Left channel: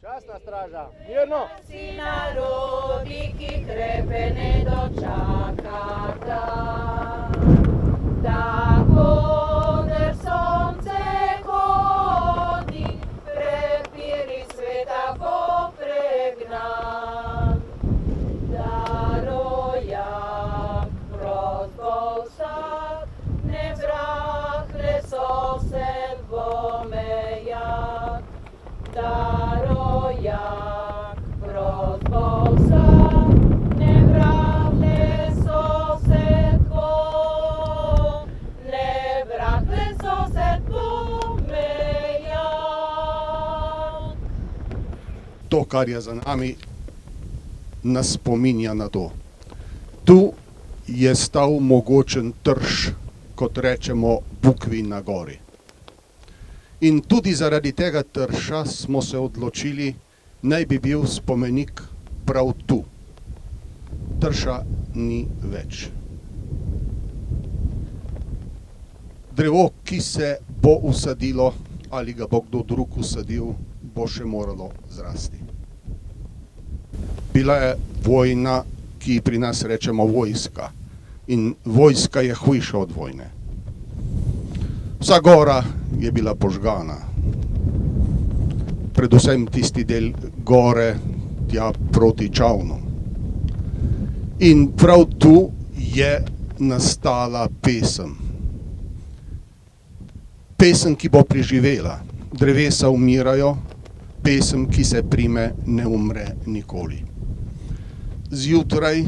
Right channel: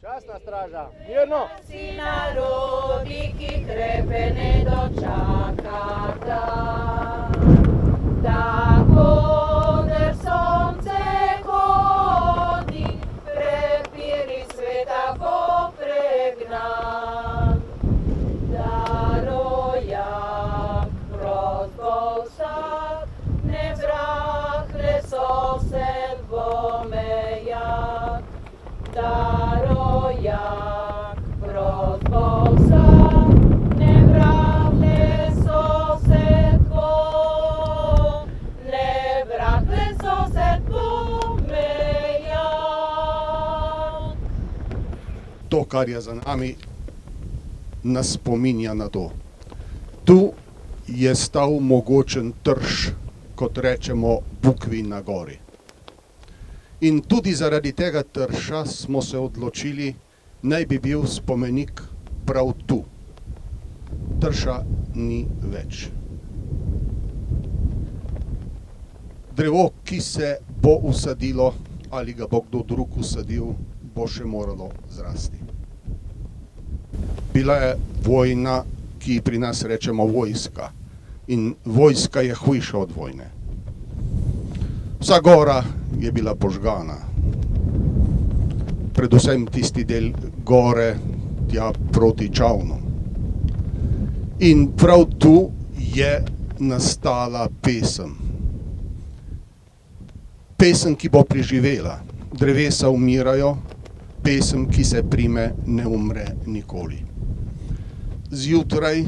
Časna straža, mirno! Si narodi, ki krepe ne dočakata, tako der sonce hodi, prepiri sveta popregnan. Darojak, prozbol vsak, ne vrahle sosed dvomejak. Darojak, prozbol vsak, ne vrahle sosed dvomejak. Ne vrahle sosed dvomejak. To, kar je za nami, nas spominja na to. Tu je stal mogočen trš, kot rečemo, bukvi na gori. In tudi zaradi tega trša smo se odločili, naj bi bil spomenik prav tu. Trša ni več. Drevo, ki se bo usadilo, ali ga bo kdo drug usadil, bo še moralo zrasti. Bila je vojna, ki pri nas rečemo vojska. In vojska je hujša od vojne. Vsa gora je bila požgana. Predvsem tisti del gore, tja proti Čavnu. In prav tu je nastala pesem. Pesem, ki bo preživela. Drevesa umirajo, pesem, ki se prime, ne umre nikoli. Zjutraj,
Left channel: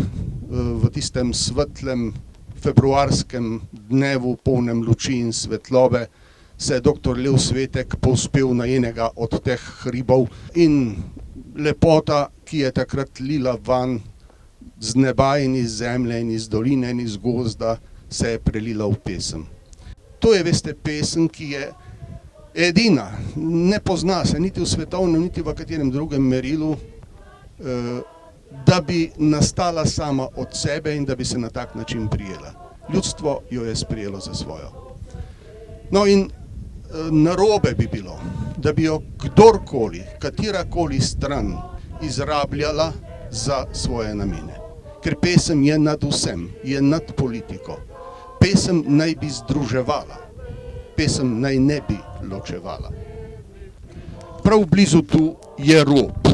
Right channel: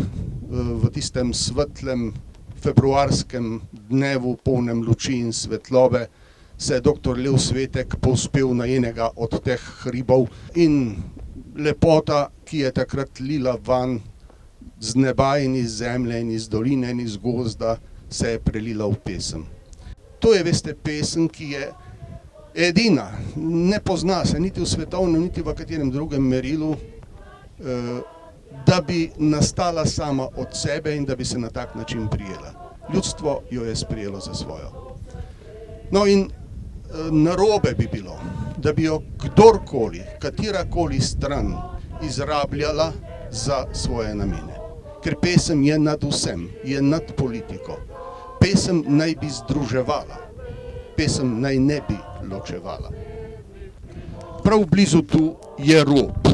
v tistem svetlem februarskem dnevu, polnem luči in svetlobe, se je dr. Lev Svetek povzpel na enega od teh hribov in lepota, ki je takrat lila van z neba in iz zemlje in iz doline in iz gozda, se je prelila v pesem. To je, veste, pesem, ki je edina, ne pozna se niti v svetovnem, niti v katerem drugem merilu, da bi nastala sama od sebe in da bi se na tak način prijela. Ljudstvo jo je sprijelo za svojo. No in narobe bi bilo, da bi jo kdorkoli, katerakoli stran izrabljala za svoje namene. Ker pesem je nad vsem, je nad politiko. Pesem naj bi združevala, pesem naj ne bi ločevala. Prav blizu tu je rob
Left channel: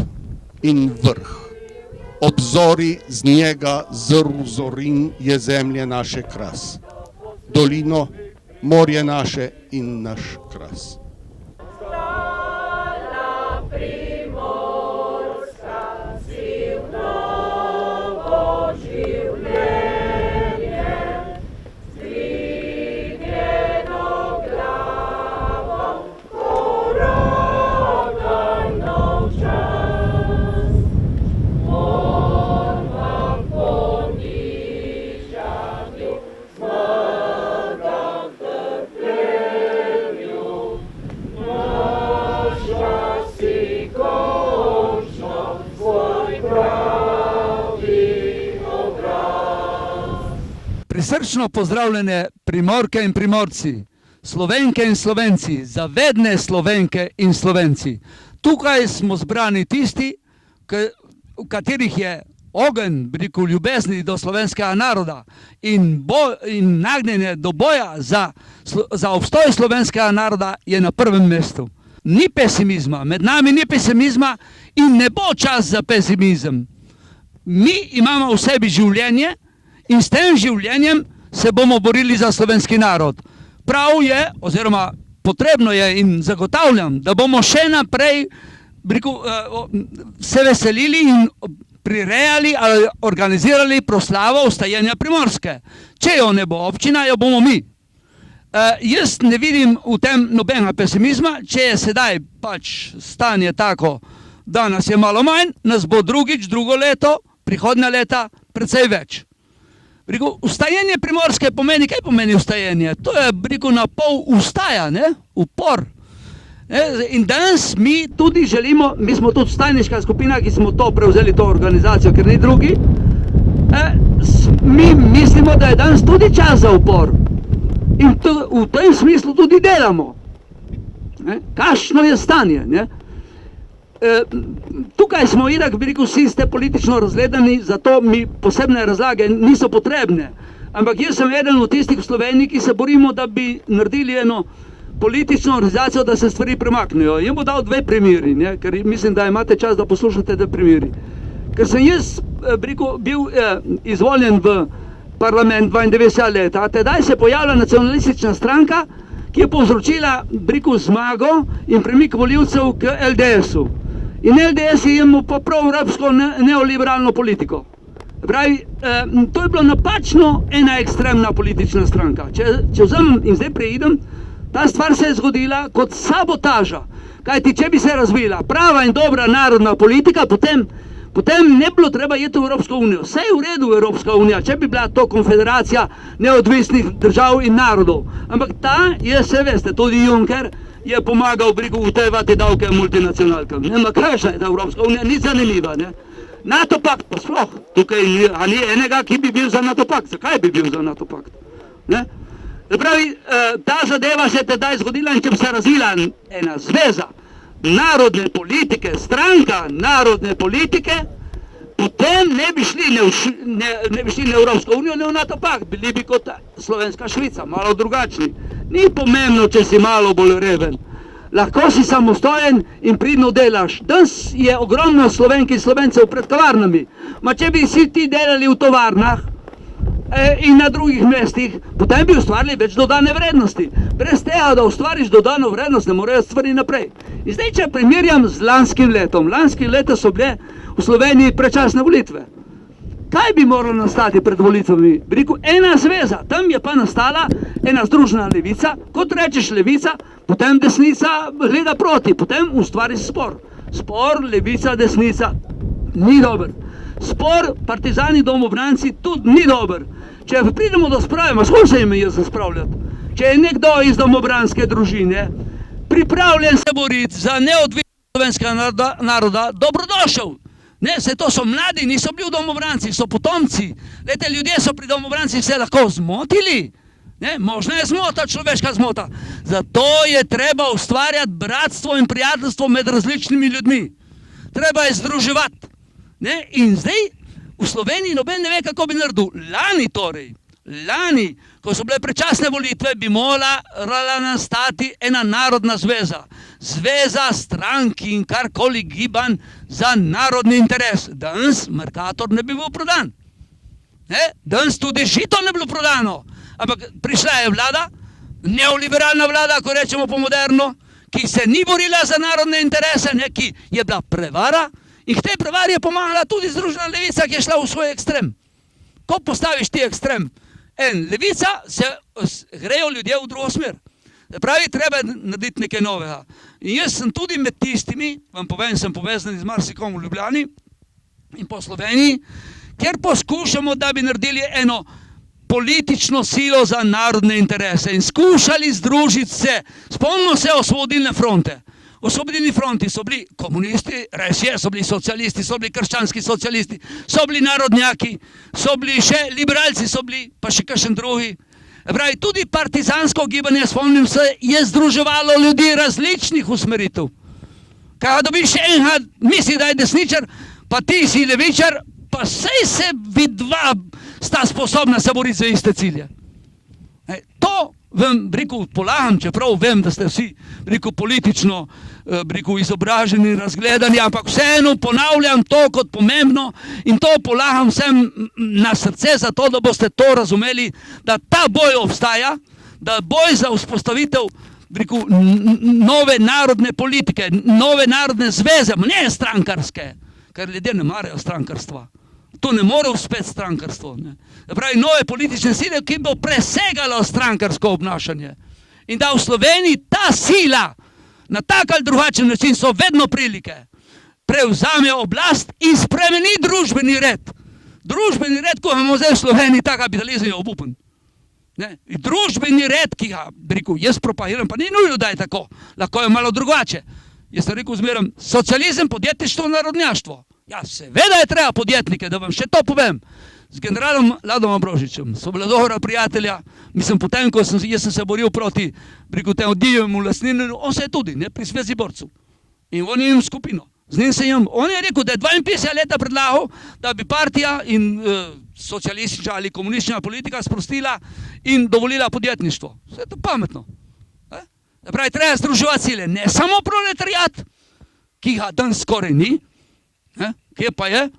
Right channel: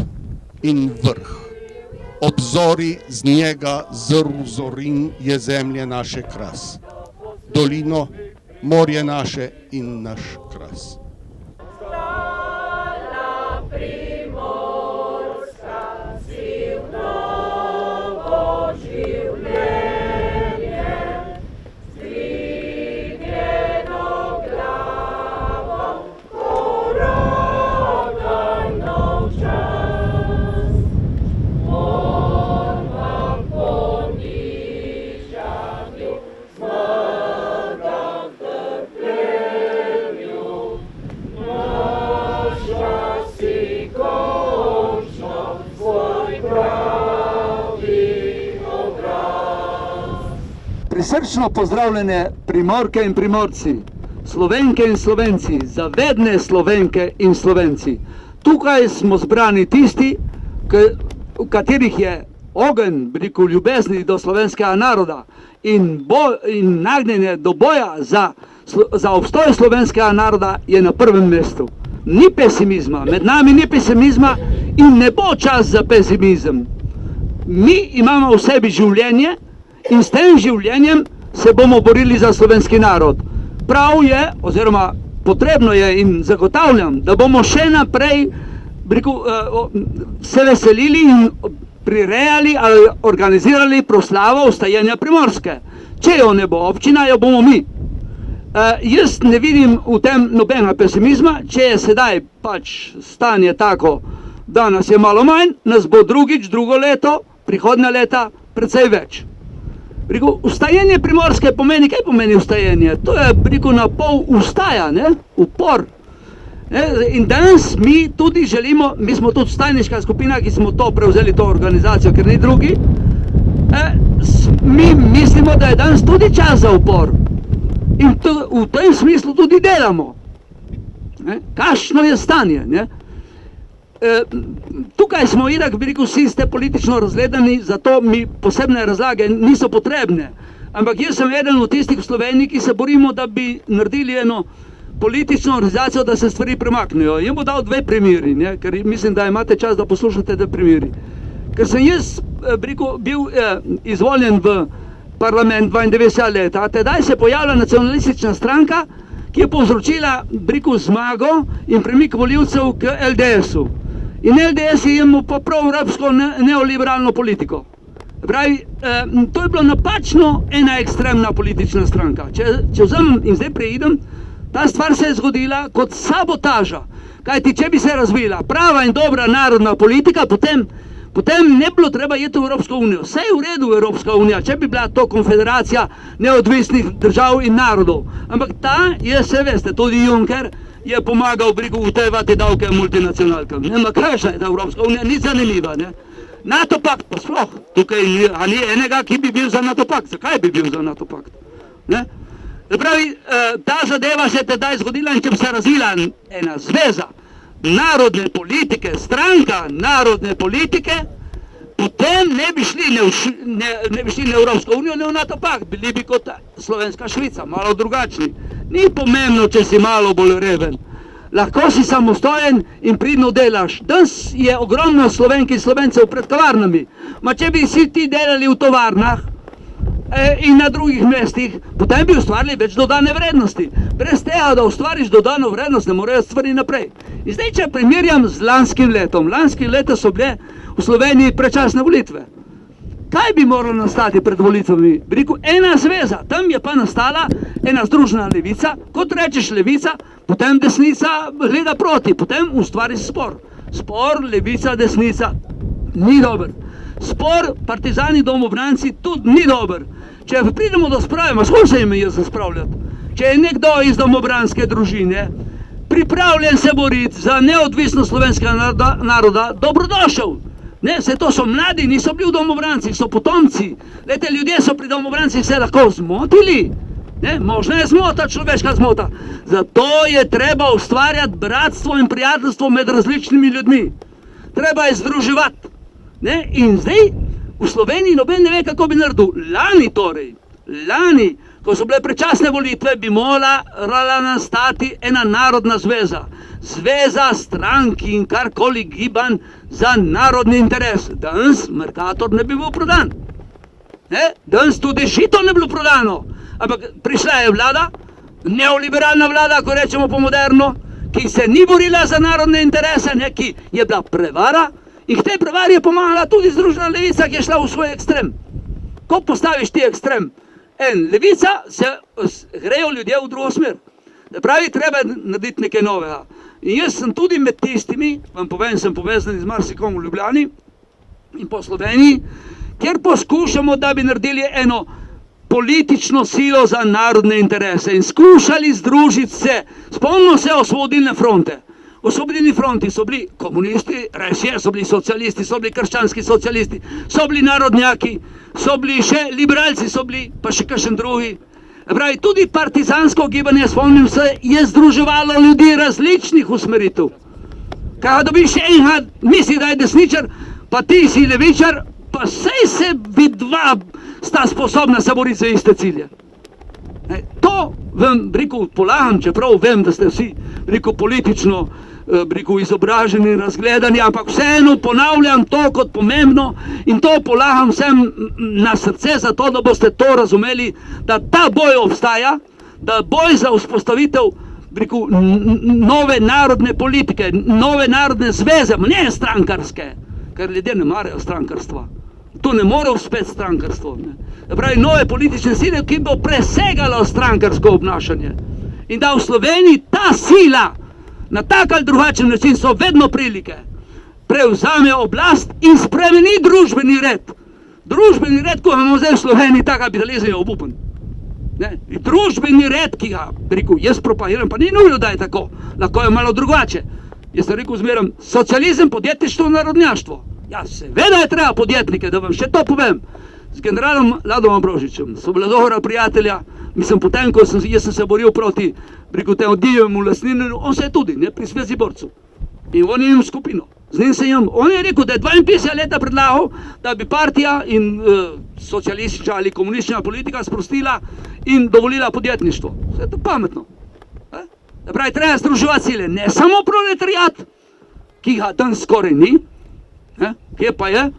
in vrh. Obzori z njega zrl zorin je zemlje naše kras. Dolino, morje naše in naš kras. Prisrčno pozdravljene Primorke in Primorci, Slovenke in Slovenci, zavedne Slovenke in Slovenci. Tukaj smo zbrani tisti, v katerih je ogenj, ljubezni do slovenskega naroda in nagnjenje do boja za obstoj slovenskega naroda je na prvem mestu. Ni pesimizma, med nami ni pesimizma in ne bo čas za pesimizem. Mi imamo v sebi življenje in s tem življenjem se bomo borili za slovenski narod. Prav je, oziroma potrebno je in zagotavljam, da bomo še naprej se veselili in prirejali ali organizirali proslavo vstajenja Primorske. Če jo ne bo občina, jo bomo mi. Jaz ne vidim v tem nobenega pesimizma, če je sedaj pač stanje tako, da nas je malo manj, nas bo drugo leto, prihodnja leta, precej več. Vstajenje Primorske pomeni, kaj pomeni vstajenje? To je, na pol vstaja, upor. In danes mi tudi želimo, mi smo tudi stajniška skupina, ki smo to prevzeli, to organizacijo, ker ni drugi, mi mislimo, da je danes tudi čas za upor. In v tem smislu tudi delamo. Kakšno je stanje? tukaj smo itak, bi rekel, vsi ste politično razgledani, zato mi posebne razlage niso potrebne. Ampak jaz sem eden od tistih v Sloveniji, ki se borimo, da bi naredili eno politično organizacijo, da se stvari premaknejo. Jaz bom dal dve primeri, ne, ker mislim, da imate čas, da poslušate dve primeri. Ker sem jaz bil izvoljen v parlament 92 leta, tedaj se je pojavila nacionalistična stranka, ki je povzročila zmago in premik volivcev k LDS-u. In LDS je imel pa prav evropsko neoliberalno politiko. Pravi, to je bilo napačno ena ekstremna politična stranka. Če vzamem in zdaj preidem, ta stvar se je zgodila kot sabotaža. Kajti, če bi se razvila prava in dobra narodna politika, potem ne bilo treba iti v Evropsko unijo. Vse je v redu Evropska unija, če bi bila to konfederacija neodvisnih držav in narodov. Ampak ta je, se veste, tudi Juncker je pomagal utevati davke multinacionalkam. Ma kakšna je ta Evropska unija, ni zanimiva, ne? NATO pakt pa sploh, tukaj ni enega, ki bi bil za NATO pakt. Zakaj bi bil za NATO pakt? Ne? Pravi, ta zadeva se je tedaj zgodila in če bi se razvila ena zveza narodne politike, stranka narodne politike, potem ne bi šli na Evropsko unijo, ne v NATO pakt, bili bi kot Slovenska Švica, malo drugačni. Ni pomembno, če si malo bolj reven. Lahko si samostojen in pridno delaš. Danes je ogromno Slovenk in Slovencev pred tovarnami. Ma če bi si ti delali v tovarnah in na drugih mestih, potem bi ustvarili več dodane vrednosti. Brez tega, da ustvariš dodano vrednost, ne morejo stvari naprej. In zdaj, če primerjam z lanskim letom. Lanski leto so bile v Sloveniji predčasne volitve. Kaj bi moralo nastati pred volitvami? Bi rekel, ena zveza, tam je pa nastala ena združena levica. Kot rečeš levica, potem desnica gleda proti, potem ustvari spor. Spor, levica, desnica, ni dober. Spor, partizani, domobranci, tudi ni dober. Če pridemo do sprave, skoro se ime jaz spravljati. Če je nekdo iz domobranske družine pripravljen se boriti za neodvisnost slovenskega naroda, dobrodošel. Ne, se to so mladi, niso bili v domobranci, so potomci. Lete, ljudje so pri domobranci se lahko zmotili. Ne, možno je zmota, človeška zmota. Zato je treba ustvarjati bratstvo in prijateljstvo med različnimi ljudmi. Treba je združevati. Ne, in zdaj v Sloveniji noben ne ve, kako bi naredil. Lani, ko so bile predčasne volitve, bi morala nastati ena narodna zveza. Zveza stranki in karkoli gibanj za narodni interes. Danes Mercator ne bi bil prodan. Danes tudi Žito ne bi bilo prodano. Ampak prišla je vlada, neoliberalna vlada, ko rečemo po moderno, ki se ni borila za narodne interese, ki je bila prevara in k tej prevari je pomagala tudi Združena levica, ki je šla v svoj ekstrem. Ko postaviš ti ekstrem levica, se grejo ljudje v drugo smer. Pravi, treba narediti nekaj novega. In jaz sem tudi med tistimi, vam povem, sem povezan z marsikom v Ljubljani in po Sloveniji, kjer poskušamo, da bi naredili eno politično silo za narodne interese in skušali združiti se. Spomnimo se Osvobodilne fronte. Osvobodilni fronti so bili komunisti, res je, so bili socialisti, so bili krščanski socialisti, so bili narodnjaki, so bili še liberalci, so bili pa še kakšen drugi. Pravi, tudi partizansko gibanje, spomnim se, je združevalo ljudi različnih usmeritev. Kaj dobiš enega, misli, da je desničar, pa ti si levičar, pa sej se vidva sta sposobna se boriti za iste cilje. To vam, rekel, polagam, čeprav vem, da ste vsi, rekel, politično, rekel, izobraženi, razgledani, ampak vseeno ponavljam to kot pomembno in to polagam vsem na srce, zato da boste to razumeli, da ta boj obstaja, da boj za vzpostavitev, rekel, nove narodne politike, nove narodne zveze, ne strankarske, ker ljudje ne marajo strankarstva. To ne more uspeti strankarstvo. Pravi, nove politične sile, ki bo presegalo strankarsko obnašanje. In da v Sloveniji ta sila, na tak ali drugačen način so vedno prilike, prevzame oblast in spremeni družbeni red. Družbeni red, ko imamo zdaj v Sloveniji, ta kapitalizem je obupen. Družbeni red, ki ga, rekel, jaz propagiram, pa ni nujno, da je tako, lahko je malo drugače. Jaz sem rekel zmeram, socializem, podjetništvo, narodnjaštvo. Ja, seveda je treba podjetnike, da vam še to povem. Z generalom Ladom Ambrožičem so bila dobra prijatelja, mislim, potem, ko jaz sem se boril proti temu divjemu lastninjenju, on se je tudi, pri Svezi borcu. In on je imel skupino. Z njim se imel. On je rekel, da je 52 leta predlagal, da bi partija in socialistična ali komunistična politika sprostila in dovolila podjetništvo. Vse je to pametno. Pravi, treba združevati sile. Ne samo proletariat, ki ga danes skoraj ni, kje pa je,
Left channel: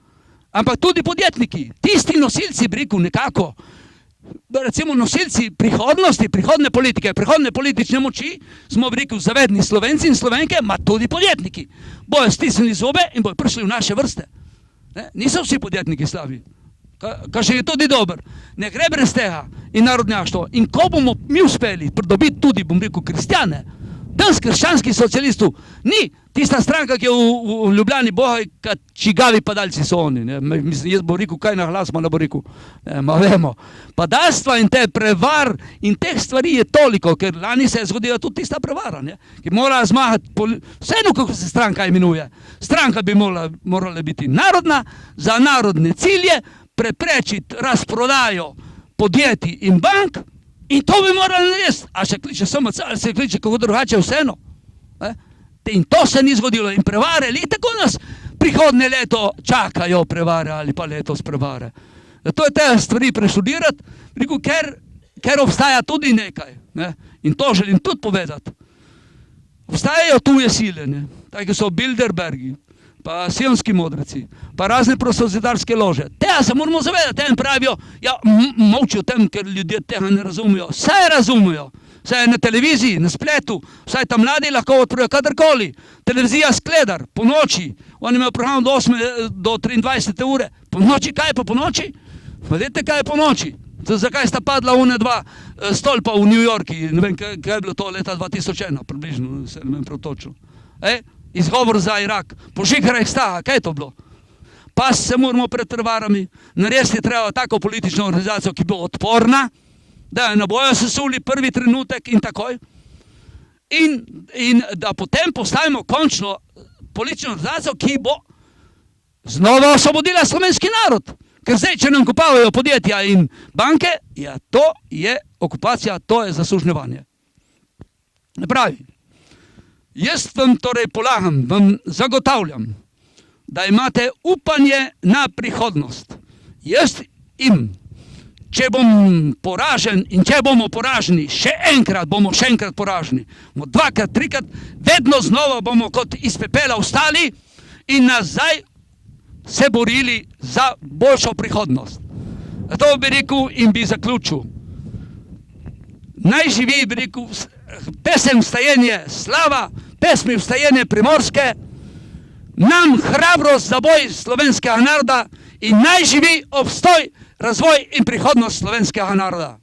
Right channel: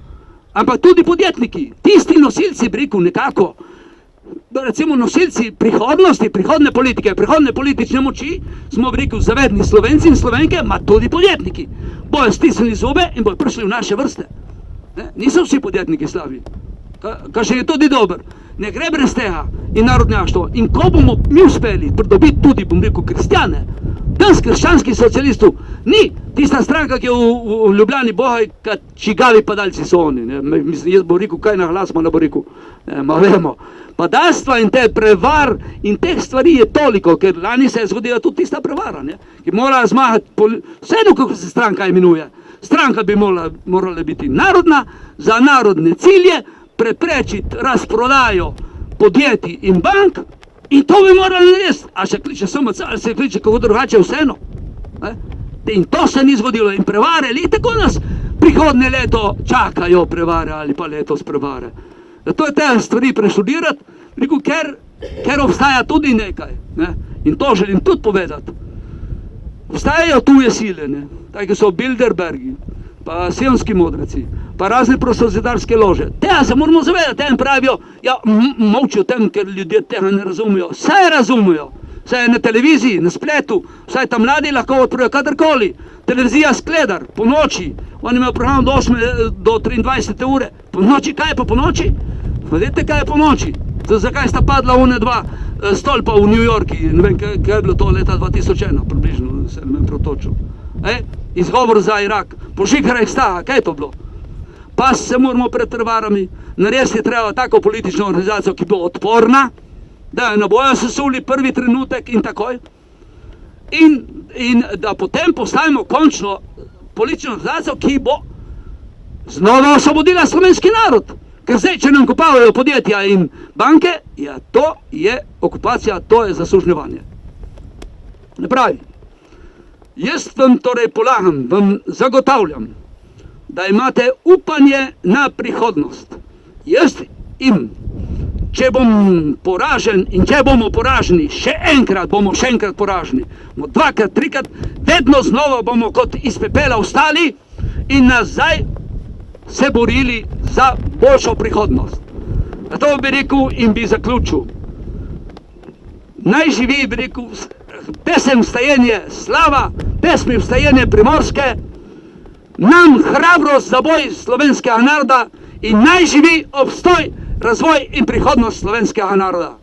ampak tudi podjetniki. Tisti nosilci, bi rekel, nekako, recimo nosilci prihodnosti, prihodne politike, prihodne politične moči, smo, bi rekel, zavedni Slovenci in Slovenke, ma tudi podjetniki. Bojo stisnili zobe in bojo prišli v naše vrste. Niso vsi podjetniki slabi. Kar še je tudi dober. Ne gre brez tega in narodnjaštvo. In ko bomo mi uspeli pridobiti tudi, bom rekel, kristjane, danes krščanskih socialistov ni tista stranka, ki je v Ljubljani Boga, čigavi padalci so oni. Jaz bo rekel, kaj na glas, ne bo rekel, ma vemo. Padalstva in te prevar in teh stvari je toliko, ker lani se je zgodila tudi tista prevara, ki mora zmagati, vseeno kako se stranka imenuje. Stranka bi morala biti narodna, za narodne cilje, preprečiti razprodajo podjetij in bank in to bi morali narediti. A se kliče SMC, ali se kliče kako drugače, vseeno. In to se ni zgodilo. In prevare, ali tako nas prihodnje leto čakajo prevare ali pa letos prevare. To je te stvari preštudirati, ker obstaja tudi nekaj. In to želim tudi povedati. Obstajajo tuje sile, tako so Bilderbergi, pa sionski modreci, pa razne prostozidarske lože. Tega se moramo zavedati, tem pravijo, ja, molčijo tem, ker ljudje tega ne razumijo. Vse razumijo. Vse je na televiziji, na spletu, vse ta mladi lahko odpravijo kadarkoli. Televizija Skledar, po noči, on ima program do 8 do 23 ure. Po noči, kaj je pa po noči? Vedete, kaj je po noči? Zakaj sta padla one dva stolpa v New Yorki, ne vem, kaj je bilo to leta 2001, približno, se ne vem protočil. Izgovor za Irak, požigaraj staha, kaj je to bilo? Pa se moramo pred prevarami, narediti treba tako politično organizacijo, ki bo odporna, da ne bojo sesuli prvi trenutek in takoj, in da potem postavimo končno politično organizacijo, ki bo znova osvobodila slovenski narod. Ker zdaj, če nam kopavajo podjetja in banke, ja, to je okupacija, to je zasužnjevanje. Ne pravi. Jaz vam torej polagam, vam zagotavljam, da imate upanje na prihodnost. Jaz im, če bom poražen in če bomo poraženi, še enkrat bomo še enkrat poraženi, bomo dvakrat, trikrat, vedno znova bomo kot iz pepela vstali in nazaj se borili za boljšo prihodnost. To bi rekel in bi zaključil. Naj živi, bi rekel, pesem Vstajenje slava, pesmi Vstajenje Primorske, nam hrabrost za boj slovenskega naroda in naj živi obstoj, razvoj in prihodnost slovenskega naroda.